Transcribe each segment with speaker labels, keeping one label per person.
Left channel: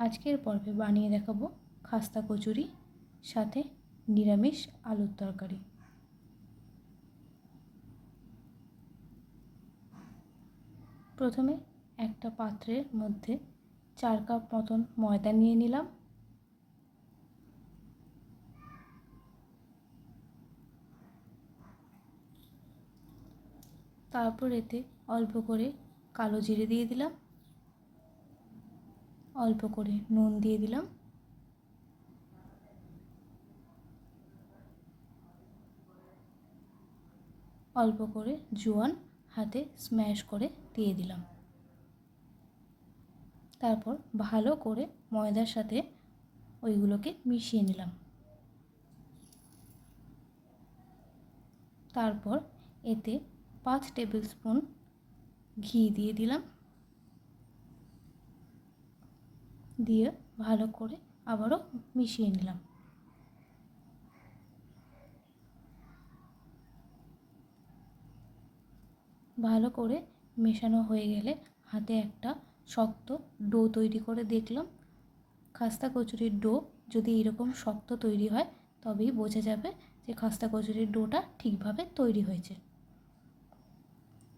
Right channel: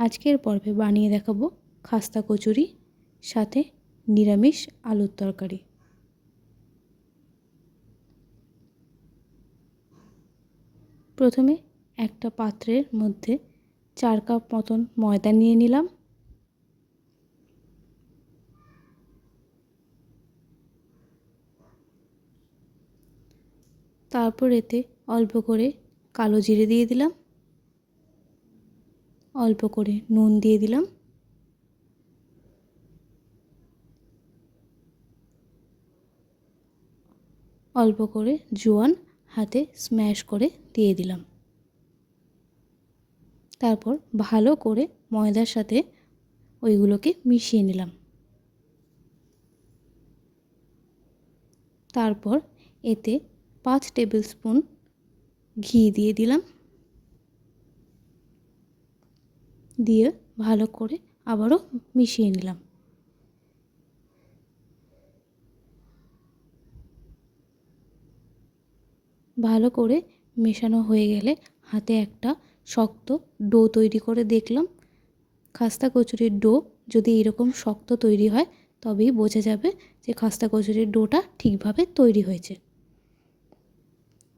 Speaker 1: আজকের পর্বে বানিয়ে দেখাবো খাস্তা কচুরি, সাথে নিরামিষ আলুর তরকারি। প্রথমে একটা পাত্রের মধ্যে চার কাপ মতন ময়দা নিয়ে নিলাম। তারপর এতে অল্প করে কালো জিরে দিয়ে দিলাম। অল্প করে নুন দিয়ে দিলাম। অল্প করে জোয়ান হাতে স্ম্যাশ করে দিয়ে দিলাম। তারপর ভালো করে ময়দার সাথে ওইগুলোকে মিশিয়ে নিলাম। তারপর এতে পাঁচ টেবিল স্পুন ঘি দিয়ে দিলাম। দিয়ে ভালো করে আবারও মিশিয়ে নিলাম। ভালো করে মেশানো হয়ে গেলে হাতে একটা শক্ত ডো তৈরি করে দেখলাম। খাস্তা কচুরির ডো যদি এরকম শক্ত তৈরি হয়, তবেই বোঝা যাবে যে খাস্তা কচুরির ডোটা ঠিকভাবে তৈরি হয়েছে।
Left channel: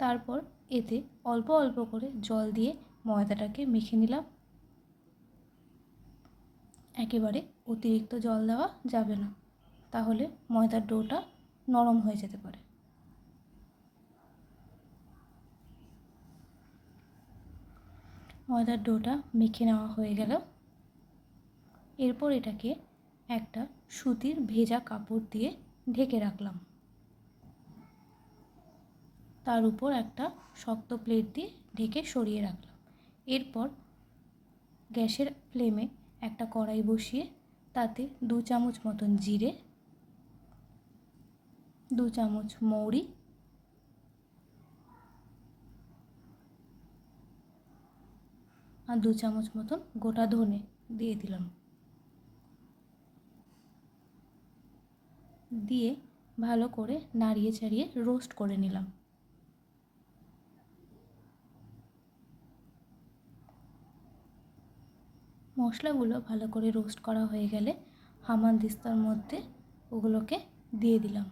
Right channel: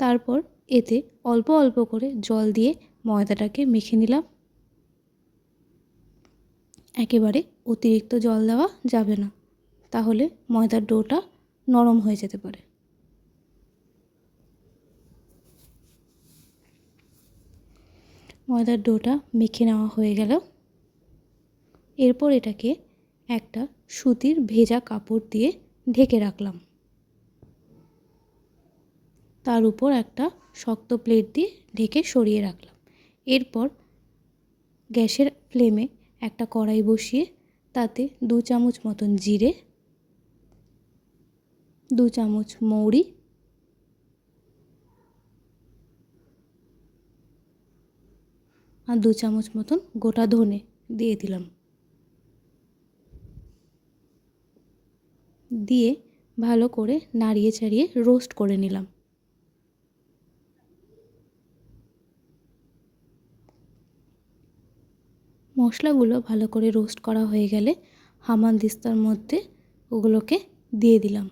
Speaker 1: তারপর এতে অল্প অল্প করে জল দিয়ে ময়দাটাকে মেখে নিলাম। একেবারে অতিরিক্ত জল দেওয়া যাবে না। তাহলে ময়দার ডোটা নরম হয়ে যেতে পারে। ময়দার ডোটা মেখে নেওয়া হয়ে গেল। এরপর এটাকে একটা সুতির ভেজা কাপড় দিয়ে ঢেকে রাখলাম। তার উপর একটা শক্ত প্লেট দিয়ে ঢেকে সরিয়ে রাখলাম। এরপর গ্যাসের ফ্লেমে একটা কড়াই বসিয়ে তাতে দু চামচ মতন জিরে, দু চামচ মৌরি, আর দু চামচ মতন গোটা ধনে দিয়ে দিলাম। দিয়ে ভালো করে নাড়িয়ে চাড়িয়ে রোস্ট করে নিলাম। মশলাগুলো ভালো করে রোস্ট করা হয়ে গেলে হামান দিস্তার মধ্যে ওগুলোকে দিয়ে দিলাম।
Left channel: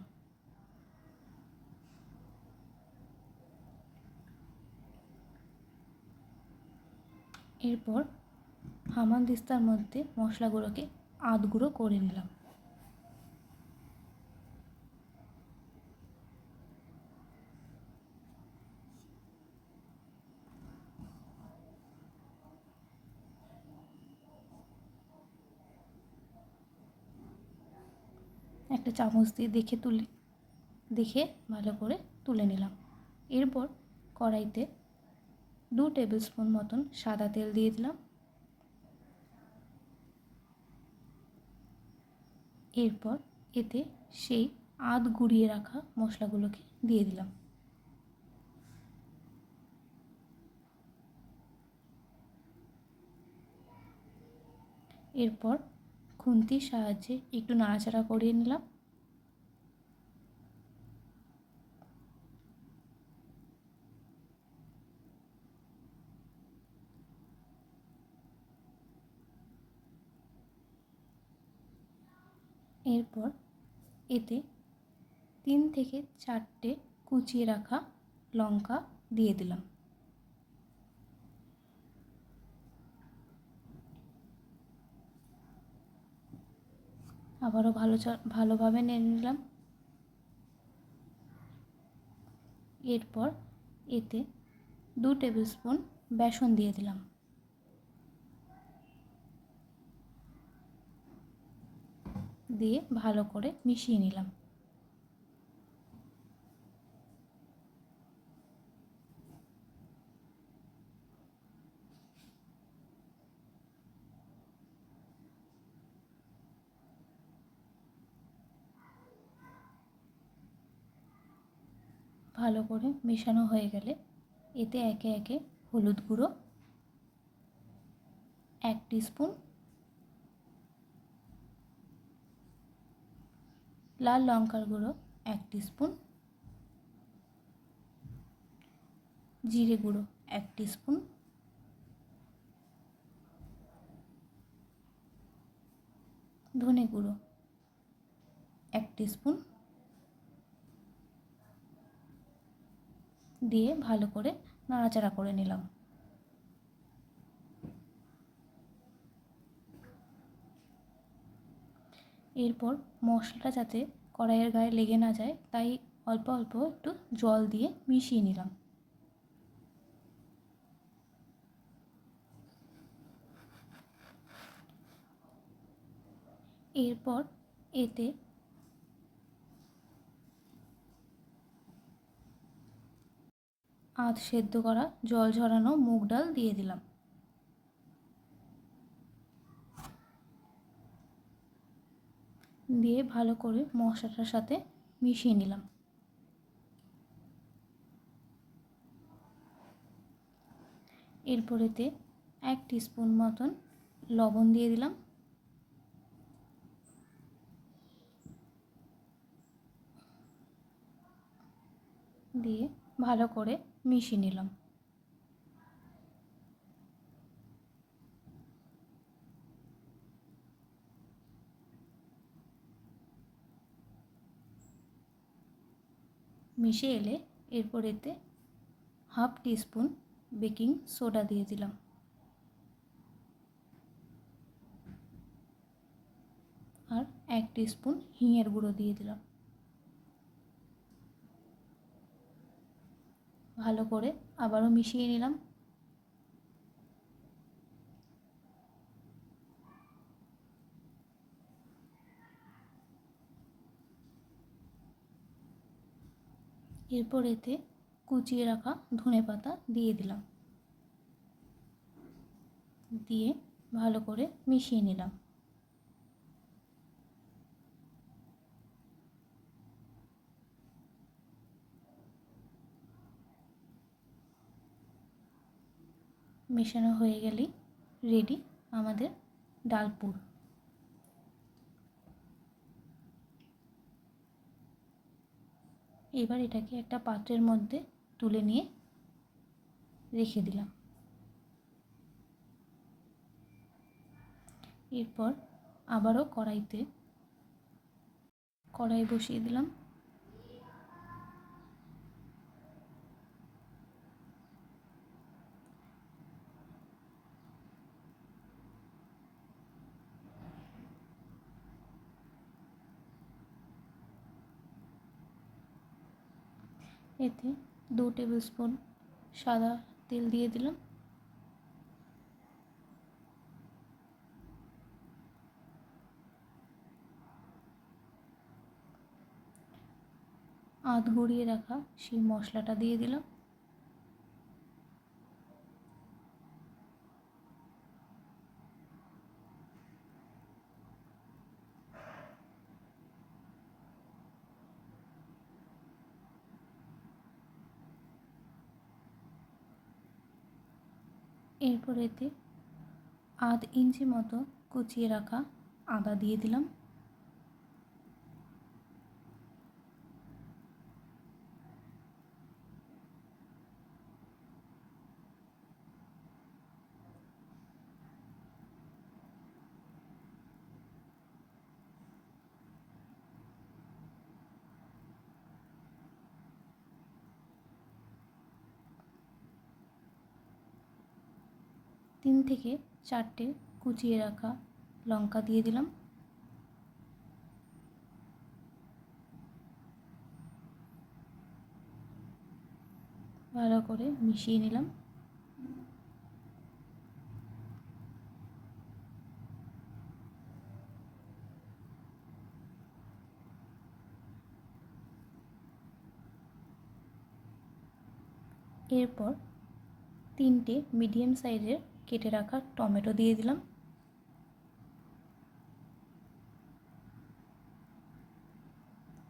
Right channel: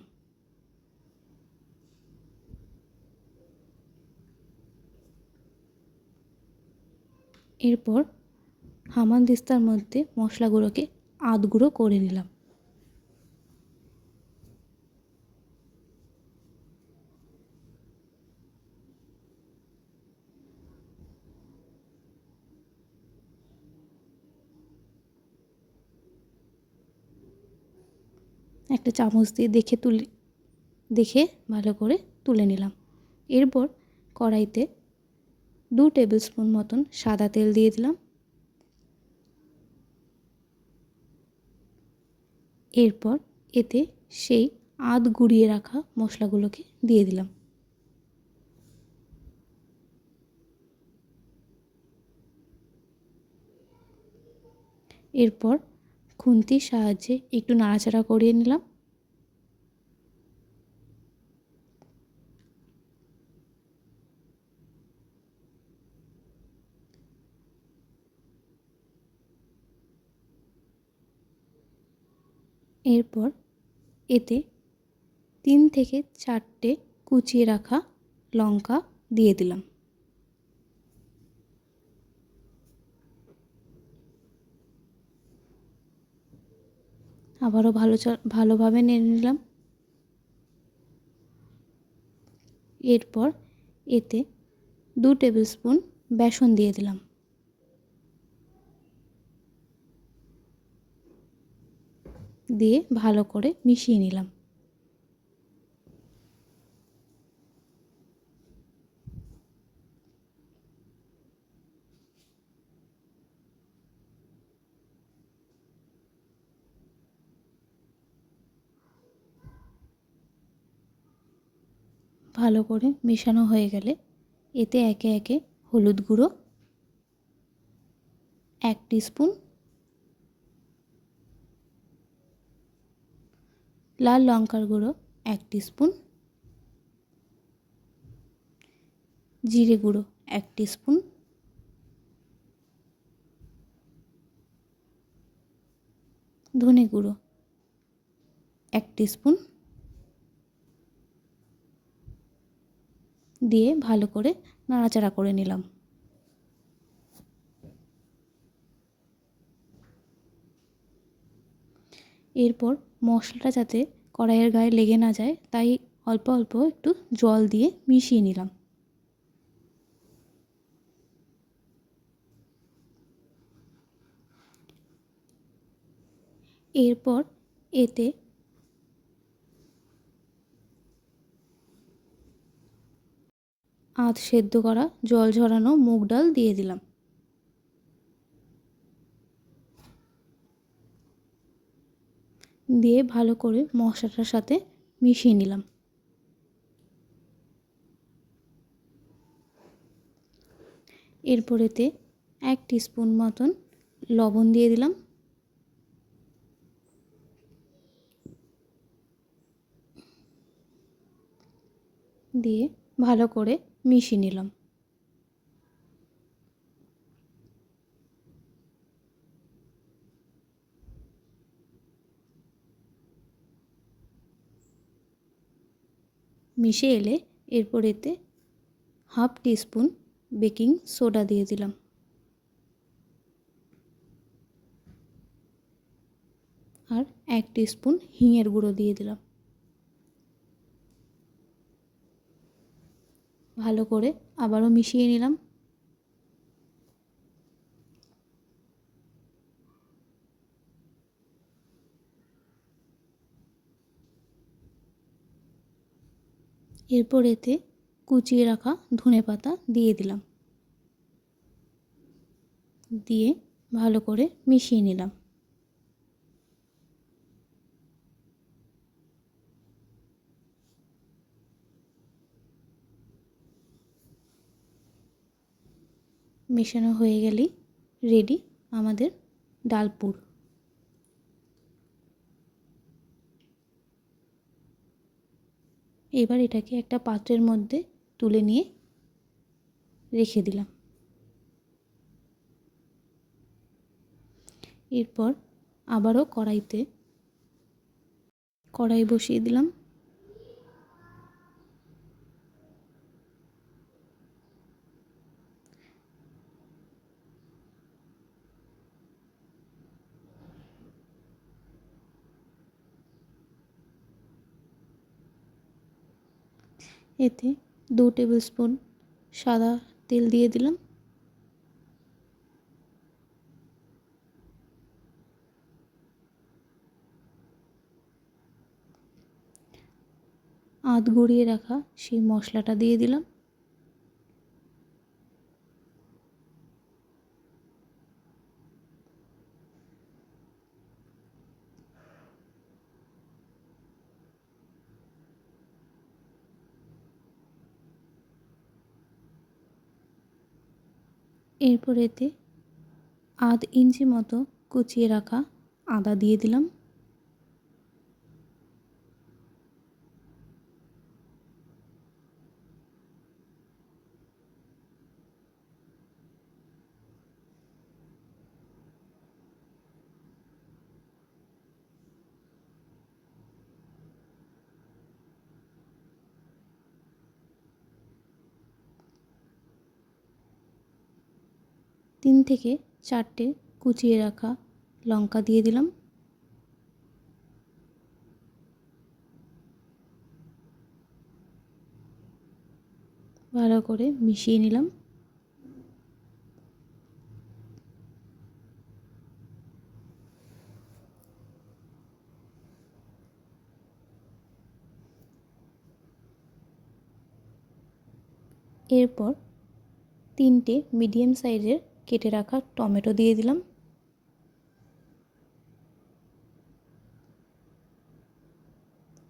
Speaker 1: এরপর হামান দিস্তার মধ্যে মশলাগুলোকে আধগুঁড়ো করে নিলাম। একটা চামচ দিয়ে দেখে তুলে, দেখে ভালো করে তুলে নিলাম। এরপর কড়াইতে দু টেবিল স্পুন মতন সাদা তেল দিয়ে দিলাম। এরপর এতে সেই আধ গুঁড়িয়ে রাখা মশলাগুলোকে দিয়ে দিলাম। এরপর খুন্তির সাহায্যে একটু নাড়াচাড়া করিয়ে নিলাম। এরপর এতে তিন থেকে চারটে কুচিয়ে রাখা লঙ্কা দিয়ে দিলাম। আবারও ভালো ভালোভাবে নেড়ে নিলাম। এরপর এতে দু টেবিল স্পুন বেসন দিয়ে দিলাম। দিয়ে ভালো করে মিশিয়ে নিলাম। ভালো করে মেশানো হয়ে গেলে এতে একে একে হলুদ গুঁড়ো, এক স্পুন লাল লঙ্কার গুঁড়ো এক স্পুন জিরে গুঁড়ো এক স্পুন ধনে গুঁড়ো এক স্পুন দিয়ে ভালো করে নাড়াচাড়া করে নিলাম। এরপর মশলাটা যাতে কড়াইয়ের গায়ে লেগে না যায়, তাই অল্প অল্প একটু জল দিয়ে মিশিয়ে নিলাম। এরপর এতে আধ সেদ্ধ করা জল ঝরানো মুগ ডাল দিয়ে দিলাম। দিয়ে ভালো করে মশলাটার সাথে মিশিয়ে নিলাম। এরপরেতে এক স্পুন মতন লবণ দিয়ে দিলাম। দিয়ে ভালো করে মিশিয়ে নিলাম। মিশে এলে এরপর এতে হাফ টিস্পুন বেকিং সোডা দিয়ে দিলাম। আর এক টিস্পুন হিঙের গুঁড়ো দিয়ে দিলাম। ভালো করে আবারও মিশিয়ে নিলাম। এরপর এতে কুচিয়ে রাখা ধনে পাতা দিয়ে দিলাম। দিয়ে ভালো করে মিশিয়ে নিলাম। মেশানো হয়ে গেলেই রেডি আমাদের ডালপুর এবার এটাকে একটা পাত্রের মধ্যে তুলে নিয়ে রেখে দিলাম। এরপর আবারও কড়াইতে কড়াই বসিয়ে দিলাম। এতে দু টেবিল স্পুন সাদা তেল দিয়ে দিলাম। আধ গড়িয়ে রাখা সেই মশলাটা দিয়ে দিলাম। এরপর এতে আধ ইঞ্চি মতো কুচিয়ে রাখা আদা দিয়ে দিলাম। তিন থেকে চারটে কুচিয়ে রাখা লঙ্কা দিয়ে দিলাম। ভালো করে মিশিয়ে নিলাম। এরপর তিনটে মিডিয়াম সাইজের কেটে রাখা টমেটো দিয়ে দিলাম।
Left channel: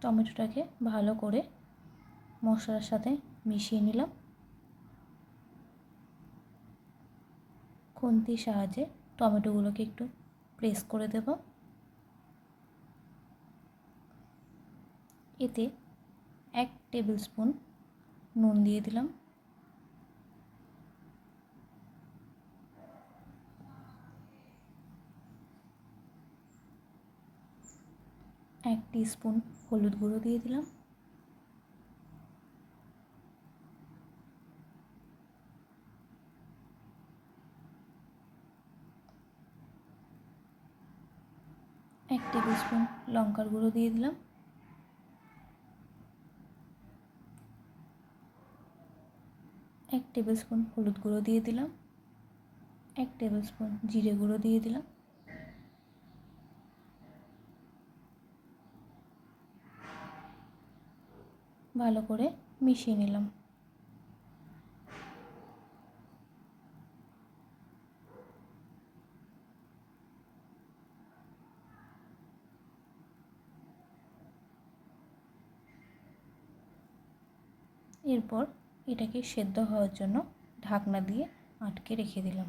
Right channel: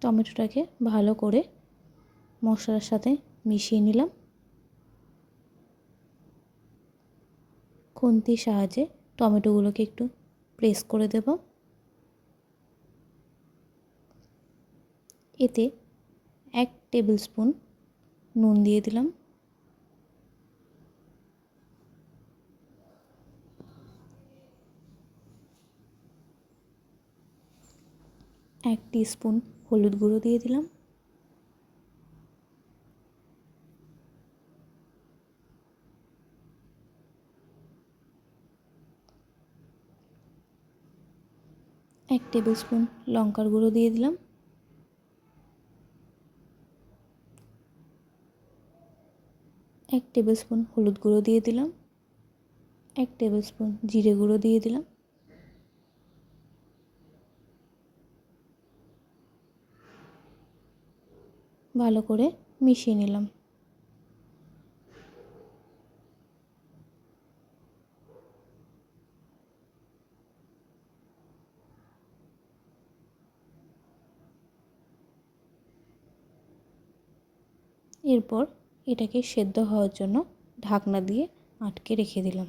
Speaker 1: টমেটোটাকে ভালো করে মশলার সাথে মিশিয়ে নিলাম। খুন্তির সাহায্যে টমেটোগুলোকে একটু প্রেস করে দেব। এতে এক টেবিল স্পুন নুন দিয়ে দিলাম। এক স্পুন হলুদ গুঁড়ো দিয়ে দিলাম। এক টেবিল স্পুন লঙ্কার গুঁড়ো দিয়ে দিলাম। এক টেবিল স্পুন হলুদ গুঁড়ো দিয়ে দিলাম। এক টেবিল স্পুন জিরে গুঁড়ো দিয়ে দিলাম। ভালো করে মিশিয়ে নিলাম। এরপর এটাকে সেদ্ধ হওয়ার জন্য ঢাকনা দিয়ে আটকে রেখে দিলাম।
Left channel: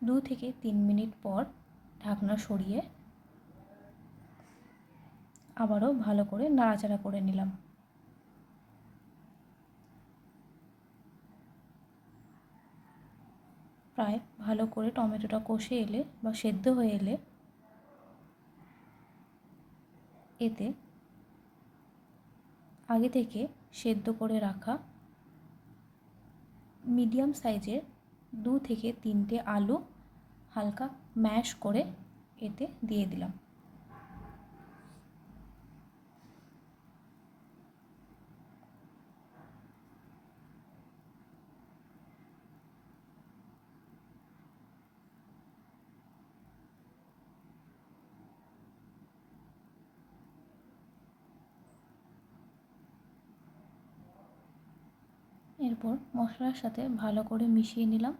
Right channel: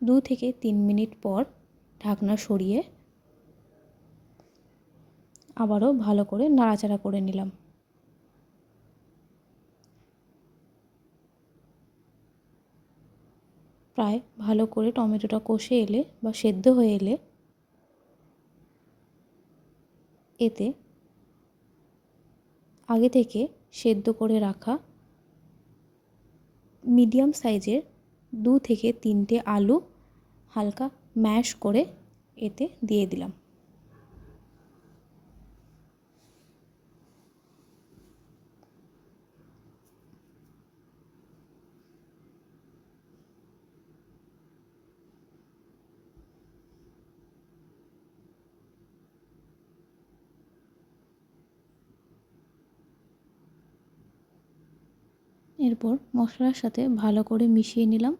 Speaker 1: দু থেকে তিন মিনিট পর ঢাকনা সরিয়ে আবারও ভালো করে নাড়াচাড়া করে নিলাম। প্রায় ভালো করে টমেটোটা কষে এলে বা সেদ্ধ হয়ে এলে এতে আগে থেকে সেদ্ধ করে রাখা মিডিয়াম সাইজের দু থেকে তিনটে আলু হালকা ম্যাশ করে এতে দিয়ে দিলাম। এরপর মশলার সাথে ভালো করে মিশিয়ে নিলাম।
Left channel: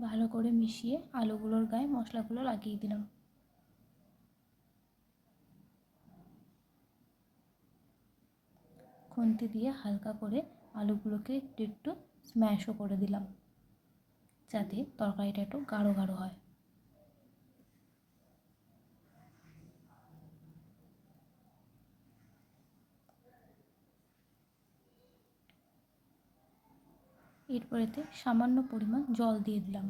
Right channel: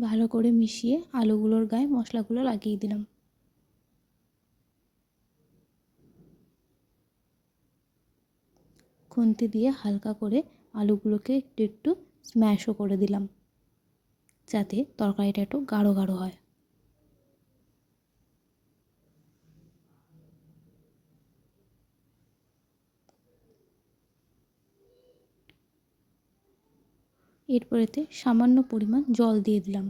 Speaker 1: ভালো করে মিশিয়ে আলুগুলোর গায়ে মশলাগুলো লাগিয়ে দিলাম। খুন্তি দিয়ে হালকা করে আলুগুলোকে একটু একটু স্ম্যাশও করে দিলাম, যাতে তরকারিটা একটু গাঢ় গাঢ় হয়। এরপর এতে সামান্য পরিমাণ জল দিয়ে দিলাম।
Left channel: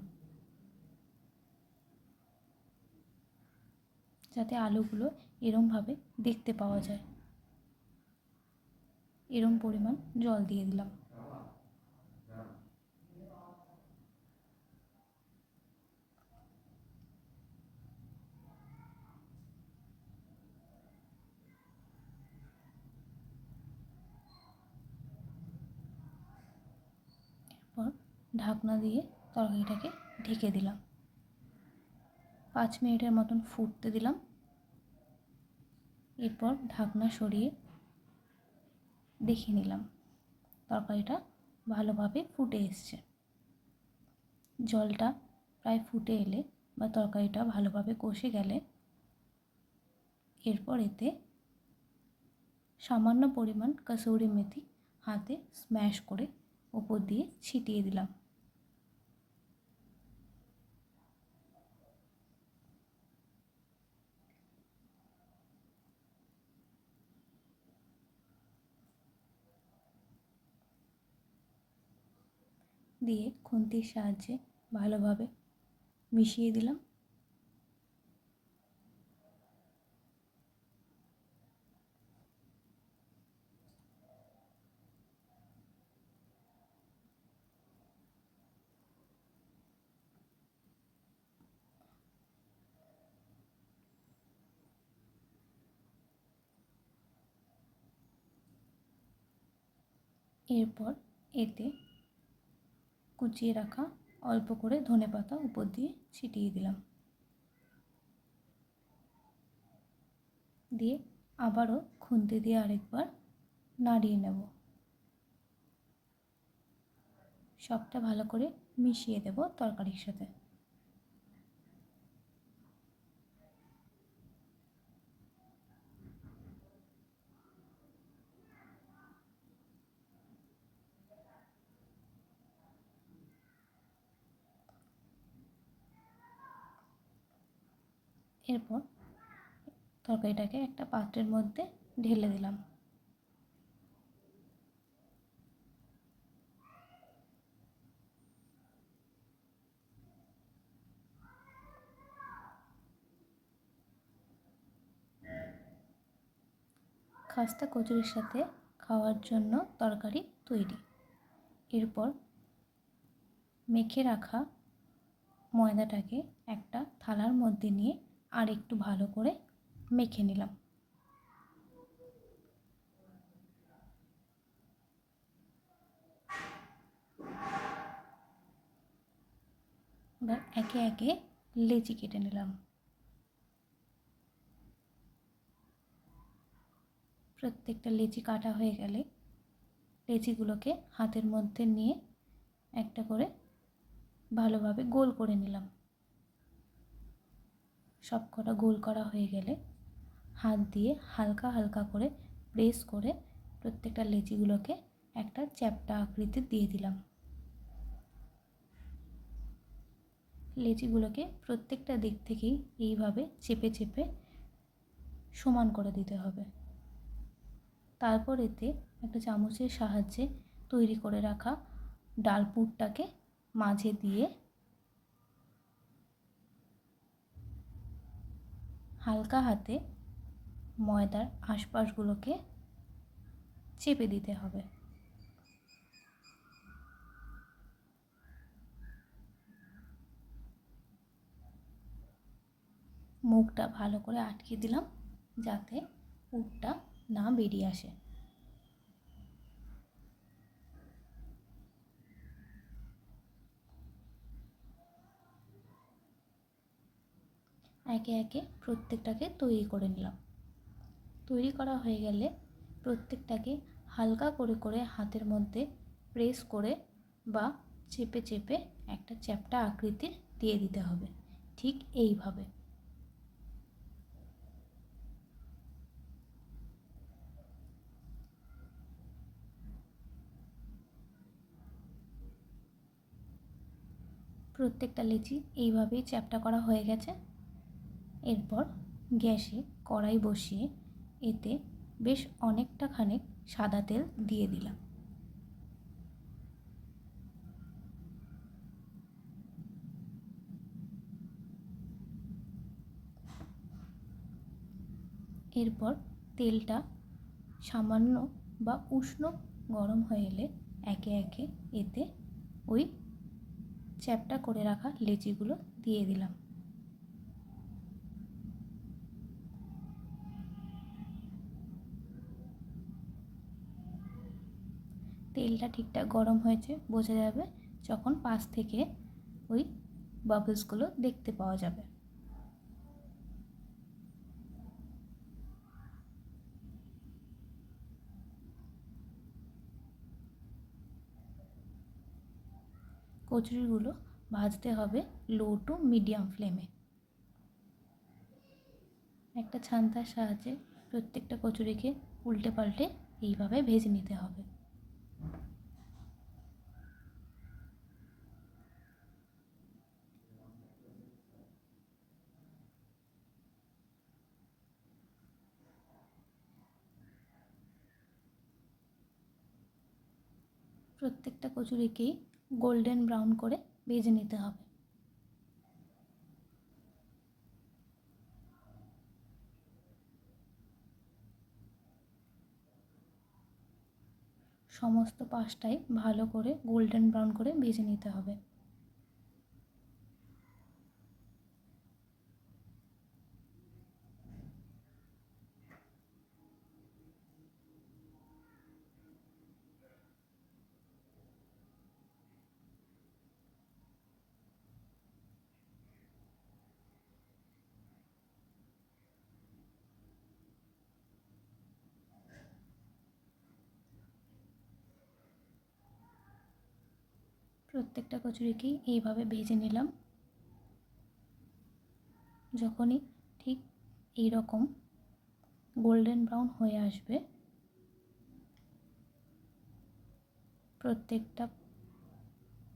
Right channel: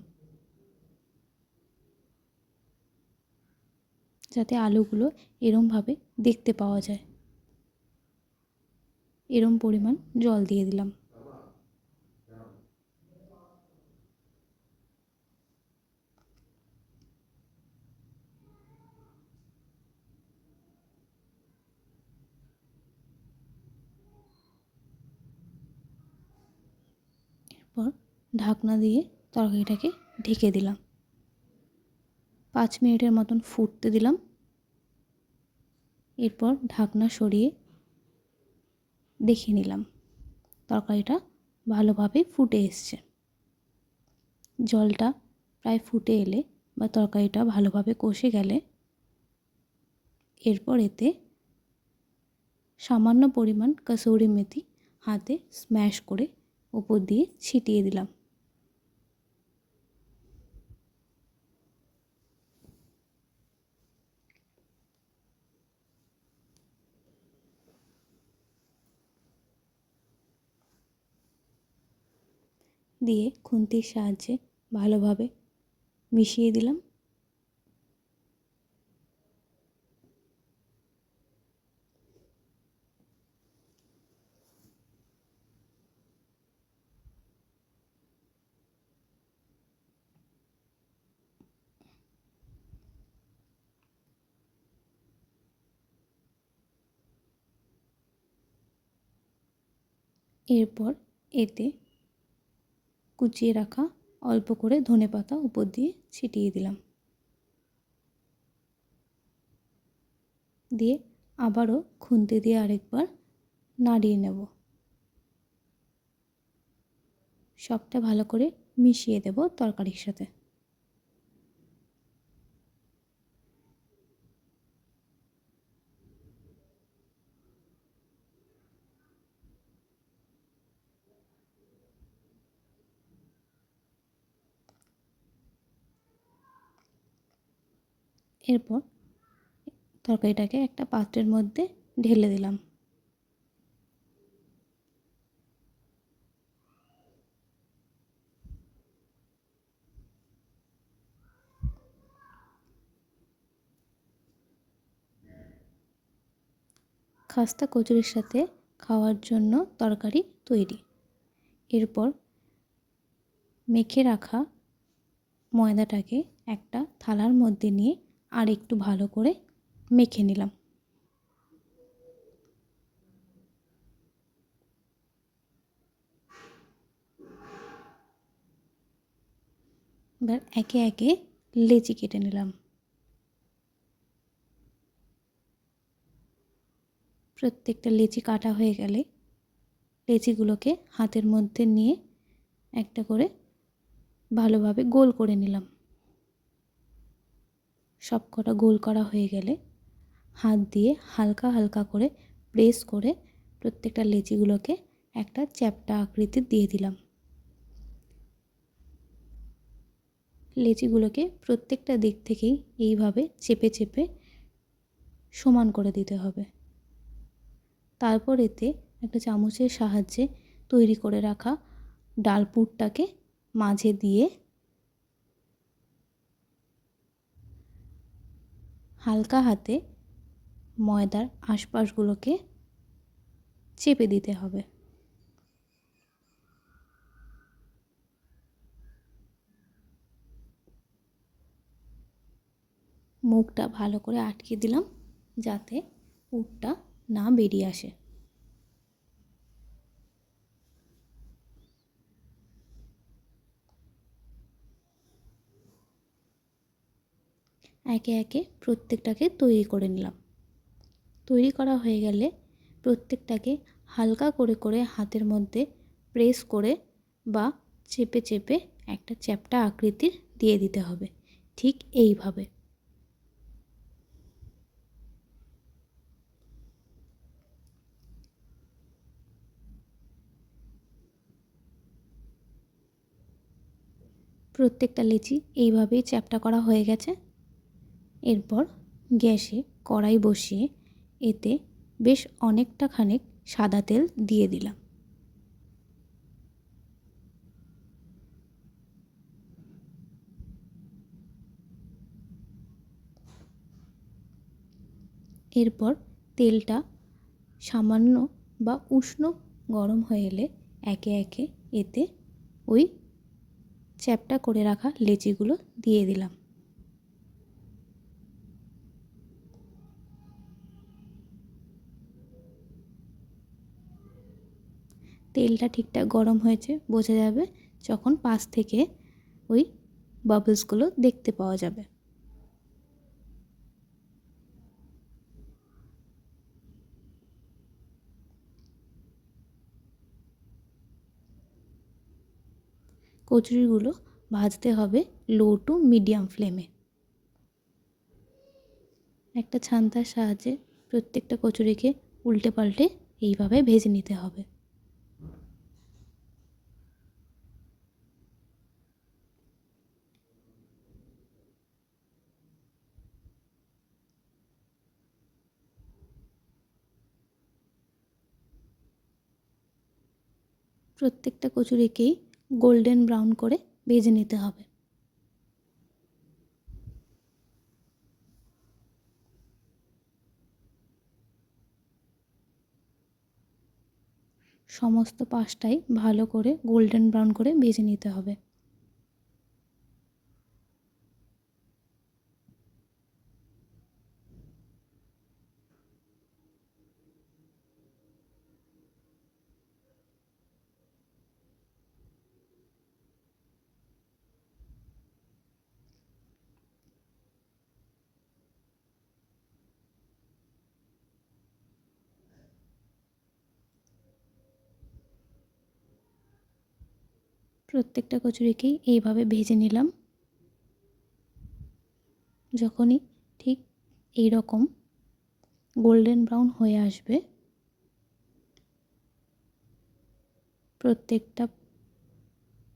Speaker 1: যাতে আলুগুলো এরমভাবে দেখতে পাওয়া যায়। এরম পরিমাণ জল দিয়ে দিলাম এরপর ঢাকনা দিয়ে তরকারিটাকে ঢেকে দিলাম। পাঁচ মিনিটের মতন ফুটতে দিলাম। এরপর ঢাকনা সরিয়ে দেখে নিলাম তরকারিটা ভালোভাবে ফুটে এসছে। জলটা প্রায় ফুটে এলে বা তরকারিটা ভালোভাবে কষে গেলে এরপর এতে সামান্য পরিমাণ কসৌরি মেথি হাতে স্ম্যাশ করে ওপর দিয়ে ছিটিয়ে দিলাম। দিয়ে খুন্তির সাহায্যে ভালোভাবে মিশিয়ে দিলাম। এরপর এতে কুচিয়ে রাখা অল্প করে ধনে পাতা উপর দিয়ে ছিটিয়ে দিলাম। দিয়ে আবারও খুন্তি দিয়ে আরেকবার নাড়িয়ে নেব। সবটা ভালো করে মিশিয়ে দেব তরকারির সাথে। এরপর তরকারিটাকে একটা পাত্রের মধ্যে ঢেলে দিলাম। খাস্তা কচুরির সাথে খাওয়ার জন্য তরকারি তৈরি। এরপর মেখে রাখা ময়দাটাকে একটা থালার মধ্যে নিয়ে আর একটু ভালো করে মেখে নিলাম। এবার একে একে লেচি কেটে নিলাম। প্রত্যেকটা লেচি কাটা হয়ে গেলে লেচিগুলোকে হাতের মধ্যে নিয়ে একটা করে ভালোভাবে গোল করে নিলাম। সব কটা গোল করা হয়ে গেলে হাত দিয়ে হালকা হালকা করে প্রেস করে প্রত্যেকটা লেচিগুলোকে একটা চ্যাপটা আকৃতির দিয়ে দিলাম। লেচিগুলোকে প্রত্যেকটা দিক থেকেই এইভাবে চেপে চেপে সমান করে দিতে হবে। তারপর এতে একটা চামচের সাহায্যে তৈরি করে রাখা ডাল পুরটাকে মাঝে দিয়ে হালকা হাতে ময়দার আশপাশগুলোকে চেপে দিতে হবে। মুখটা ভালো করে আটকে দিলাম যাতে উটটা না বেরিয়ে আসে। একে একে প্রত্যেকটাকে তৈরি করে নিলাম। তৈরি করা হয়ে গেলে প্রত্যেকটাকে হালকা করে করে হাতের মধ্যে প্রেস করে বা চেপে চেপে একটা চ্যাপটা আকৃতির দিয়ে দিতে হবে। ঠিক এইভাবে। প্রত্যেকটা লেচি এইভাবেই চ্যাপটা করা হয়ে গেছে। এরপর গ্যাসে কড়াই বসিয়ে এতে বেশ অনেকটা খানিক সাদা তেল দিয়ে দিলাম। এরপর তেলটা সামান্য বা উষ্ণ গরম হয়ে এলে একে একে এতে ওই চ্যাপটা করে রাখা লেচিগুলো দিয়ে দিলাম। তেলটা ঠিকঠাক গরম হয়েছে, বোঝা যাবে যখন পাশ থেকে ওই বাবলসগুলো দেখতে পাওয়া যাবে। কচুরিগুলো ভাজতে হবে লো টু মিডিয়াম ফ্লেমে একটা ছান্তার সাহায্যে প্রত্যেকটা কচুরিকে উল্টে পাল্টে এইভাবে ভেজে নিতে হবে। প্রত্যেকটা কচুরিকেই গোল্ডেন ব্রাউন করে ভেজে নিতে হবে। সমস্ত পাশটাই ভালো করে গোল্ডেন ব্রাউন করে ভেজে নিতে হবে। প্রত্যেকটা কচুরিকেই এইভাবে ভেজে নিলাম। যখনই ঠিক এই রকম গোল্ডেন ব্রাউন হয়ে আসবে, প্রত্যেকটা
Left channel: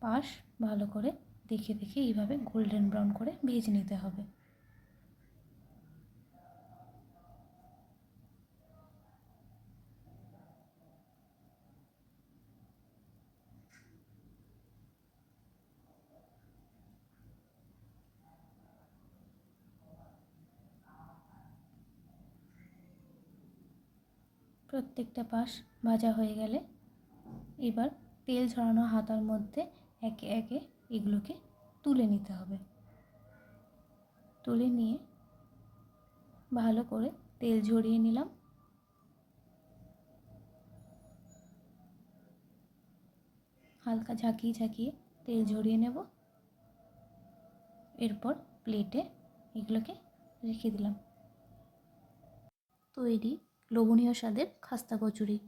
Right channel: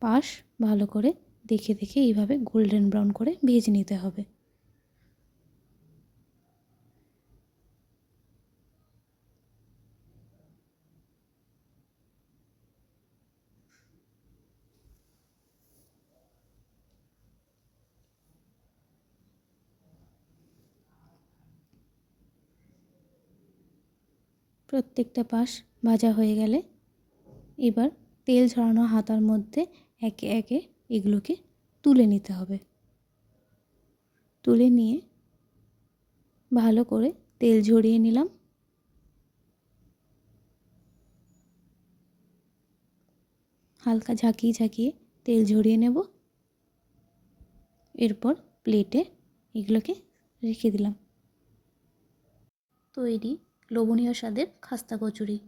Speaker 1: পাশ ভালো করে দেখে দেখে এইভাবে গোল্ডেন ব্রাউন করে ভেজে নিতে হবে। প্রত্যেকটা পাশ ভাজা হয়ে গেলে এবার তেল ঝরানো হাতার মধ্যে একে একে এগুলোকে তুলে নিতে হবে। তুলে নিয়ে ভালো করে তেল ঝরিয়ে নিলাম। হালকা ঝাঁকিয়ে ঝাঁকিয়ে তেল ঝরিয়ে নেব। এরপর প্লেটে এগুলোকে রেখে দিলাম। তৈরি লোভনীয় স্বাদের খাস্তা কচুরি।